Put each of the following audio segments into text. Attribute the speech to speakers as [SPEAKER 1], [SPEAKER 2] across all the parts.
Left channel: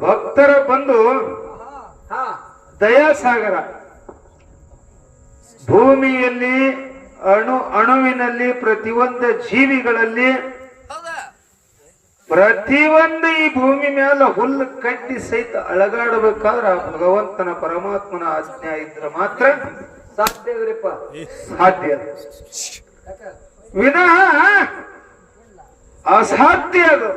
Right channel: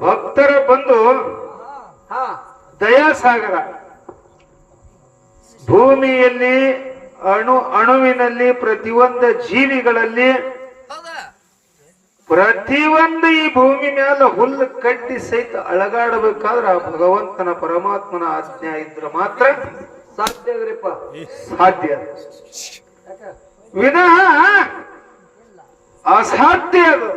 [SPEAKER 1] ಭಕ್ತರ ಬಂದು
[SPEAKER 2] ಹಾ
[SPEAKER 1] ದಯಾಸಾಗರ ಭೂಮಿಯಲ್ಲಿ ಅಣು ಅಣುವಿನಲ್ಲಿ ಪ್ರತಿಯೊಂದು ಜೀವಿಗಳಲ್ಲಿ ಪ್ರತಿಯೊಂದು ಈ ಭೂಮಿ ಮೇಲೆ ಹುಲ್ಲು ಕಟ್ಟಿ ಸಹಿತ ಅಳಗಾಡಬೇಕಾದ್ರ ಭಗವಂತನ ಪರಮಾತ್ಮನ ಆಜ್ಞೆ ಇದ್ರೆ ಮಾತ್ರ
[SPEAKER 2] ಸಾಧ್ಯದ್ರಿಪ್ಪ
[SPEAKER 1] ಸಾಧ್ಯ. ವಿನಃ ಅಸಾಧ್ಯ ಅದು.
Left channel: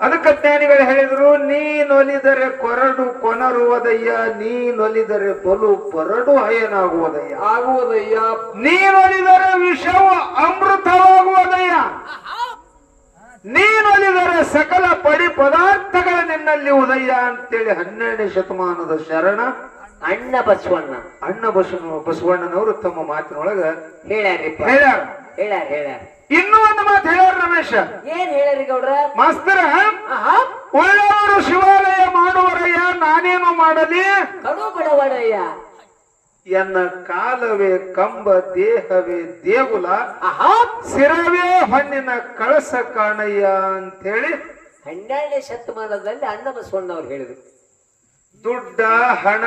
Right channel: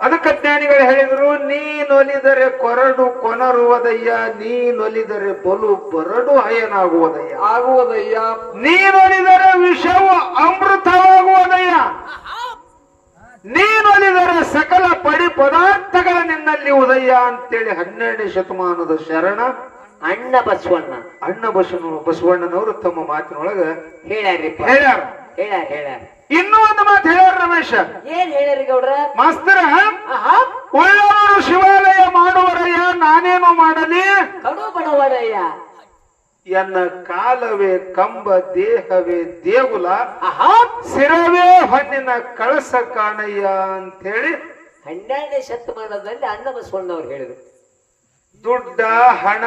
[SPEAKER 1] ಅದಕ್ಕೆ ಜ್ಞಾನಿಗಳು ಹೇಳಿದ್ರು ನೀನೊಲಿದರೆ ಕೊರಡು ಕೊನರುವುದಯ್ಯ ನೀನೊಲಿದರೆ ತೊಲು ಪರಡು ಹಯನಾಗುವುದಯ್ಯ
[SPEAKER 2] ಆಗುವುದಯ್ಯ.
[SPEAKER 1] ನೀನೊಲಿದರೆ ವಿಷವು ಅಮೃತವಾಗುವುದಯ್ಯ. ನೀನೊಲಿದರೆ ಸಕಲ ಪಡಿ ಪದಾರ್ಥಗಳ ನಿನ್ನಲ್ಲಿ ಉದಯ ಅಂತೇಳಿ ಹನ್ನೆರಡನೇ ಶತಮಾನದ ಶರಣ
[SPEAKER 2] ಅಣ್ಣ ಬಸವಣ್ಣ.
[SPEAKER 1] ಅಣ್ಣ ಬಸವ ಬಸವಣ್ಣನವರು ತಮ್ಮ ಮಾತಿನೊಳಗ ಹೇಳ್ಯಾರ.
[SPEAKER 2] ಹೇಳ್ಯಾರ ಹೇಳ್ಯಾರ
[SPEAKER 1] ಇನ್ನೂ ಒಂದು ಮಾತು ಹೇಳ್ಯಾರ ರಮೇಶ.
[SPEAKER 2] ಏನ್ ಹೇಳ್ಯಾರಿ ಗೌಡ್ರ?
[SPEAKER 1] ಮಾಸ್ತರ ಒಳ್ಳೆಯವರು ಶಿವಾಲಯ ಮಾಡುವರಯ್ಯ ನಾನೇನು ಮಾಡಲಿ?
[SPEAKER 2] ಕಡು ಬಡವಡಯ್ಯ
[SPEAKER 1] ಎನ್ನ ಕಾಲವೇ ಕಂಬ ದೇಹವೇ ದೇಗುಲ ಸಿರವೇ ಹಣ್ಣಿನ ಕಳಸ ಕಾಣಯ್ಯ ಅಂತೇಳಿ
[SPEAKER 2] ಹನ್ನೆರಡನೇ ಶತಮಾನದಲ್ಲಿ ಅಣ್ಣ ಬಸವಣ್ಣವ್ರು ಹೇಳಿದ್ರು.
[SPEAKER 1] ದುಡ್ಡ ಹಣ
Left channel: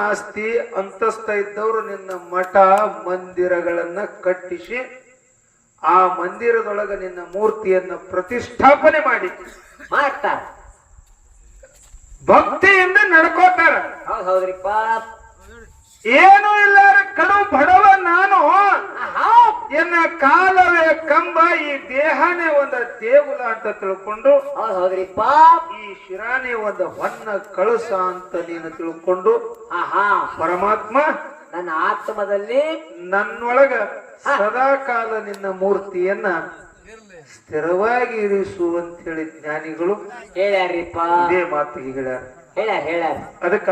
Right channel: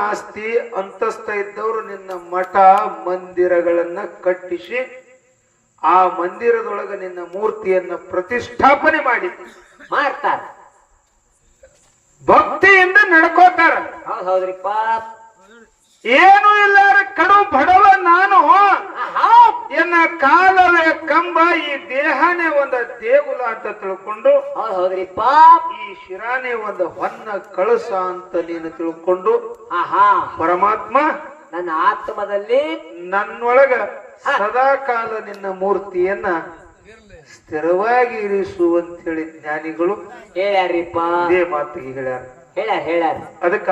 [SPEAKER 1] ಆಸ್ತಿ ಅಂತಸ್ತ ಇದ್ದವರು ನಿನ್ನ ಮಠ ಮಂದಿರಗಳನ್ನ ಕಟ್ಟಿಸಿ ಆ ಮಂದಿರದೊಳಗ ನಿನ್ನ ಮೂರ್ತಿಯನ್ನ ಪ್ರತಿಷ್ಠಾಪನೆ ಮಾಡಿ
[SPEAKER 2] ಮಾಡ್ತಾರ.
[SPEAKER 1] ಭಕ್ತಿಯಿಂದ ನಡ್ಕೋತಾರ.
[SPEAKER 2] ಹೌದ್ ಹೌದ್ರಿಪ್ಪ.
[SPEAKER 1] ಏನು ಇಲ್ಲಾರ ಕಡು ಬಡವ ನಾನು. ಎನ್ನ ಕಾಲವೇ ಕಂಬ ಈ ದೇಹನೇ ಒಂದ ದೇಗುಲ ಅಂತ ತಿಳ್ಕೊಂಡು
[SPEAKER 2] ಹೌದ್ ಹೌದ್ರಿಪ್ಪ.
[SPEAKER 1] ಈ ಶಿರಾನೇ ಒಂದ ಹೊನ್ನ ಕಳಸ ಅಂತ ನೀನು ತಿಳ್ಕೊಂಡು
[SPEAKER 2] ಆಹಾ.
[SPEAKER 1] ಪರಮಾತ್ಮ
[SPEAKER 2] ನನ್ನ ಆತ್ಮದಲ್ಲಿ
[SPEAKER 1] ನನ್ನೊಳಗ ಸದಾ ಕಾಲ ನಿನ್ನ ಮೂರ್ತಿಯನ್ನ ಸ್ಥಿರವಾಗಿ ಇರಿಸು ಅಂತ ಹೇಳಿ ಜ್ಞಾನಿಗಳು
[SPEAKER 2] ಹೇಳ್ಯಾರಿಪ್ಪ
[SPEAKER 1] ಇದೇ ಮಾತಿಗೆ ಹೇಳ್ಯಾರ
[SPEAKER 2] ಹೇಳ್ಯಾರ ಹೇಳ್ಯಾರ.
[SPEAKER 1] ಅದಕ್ಕ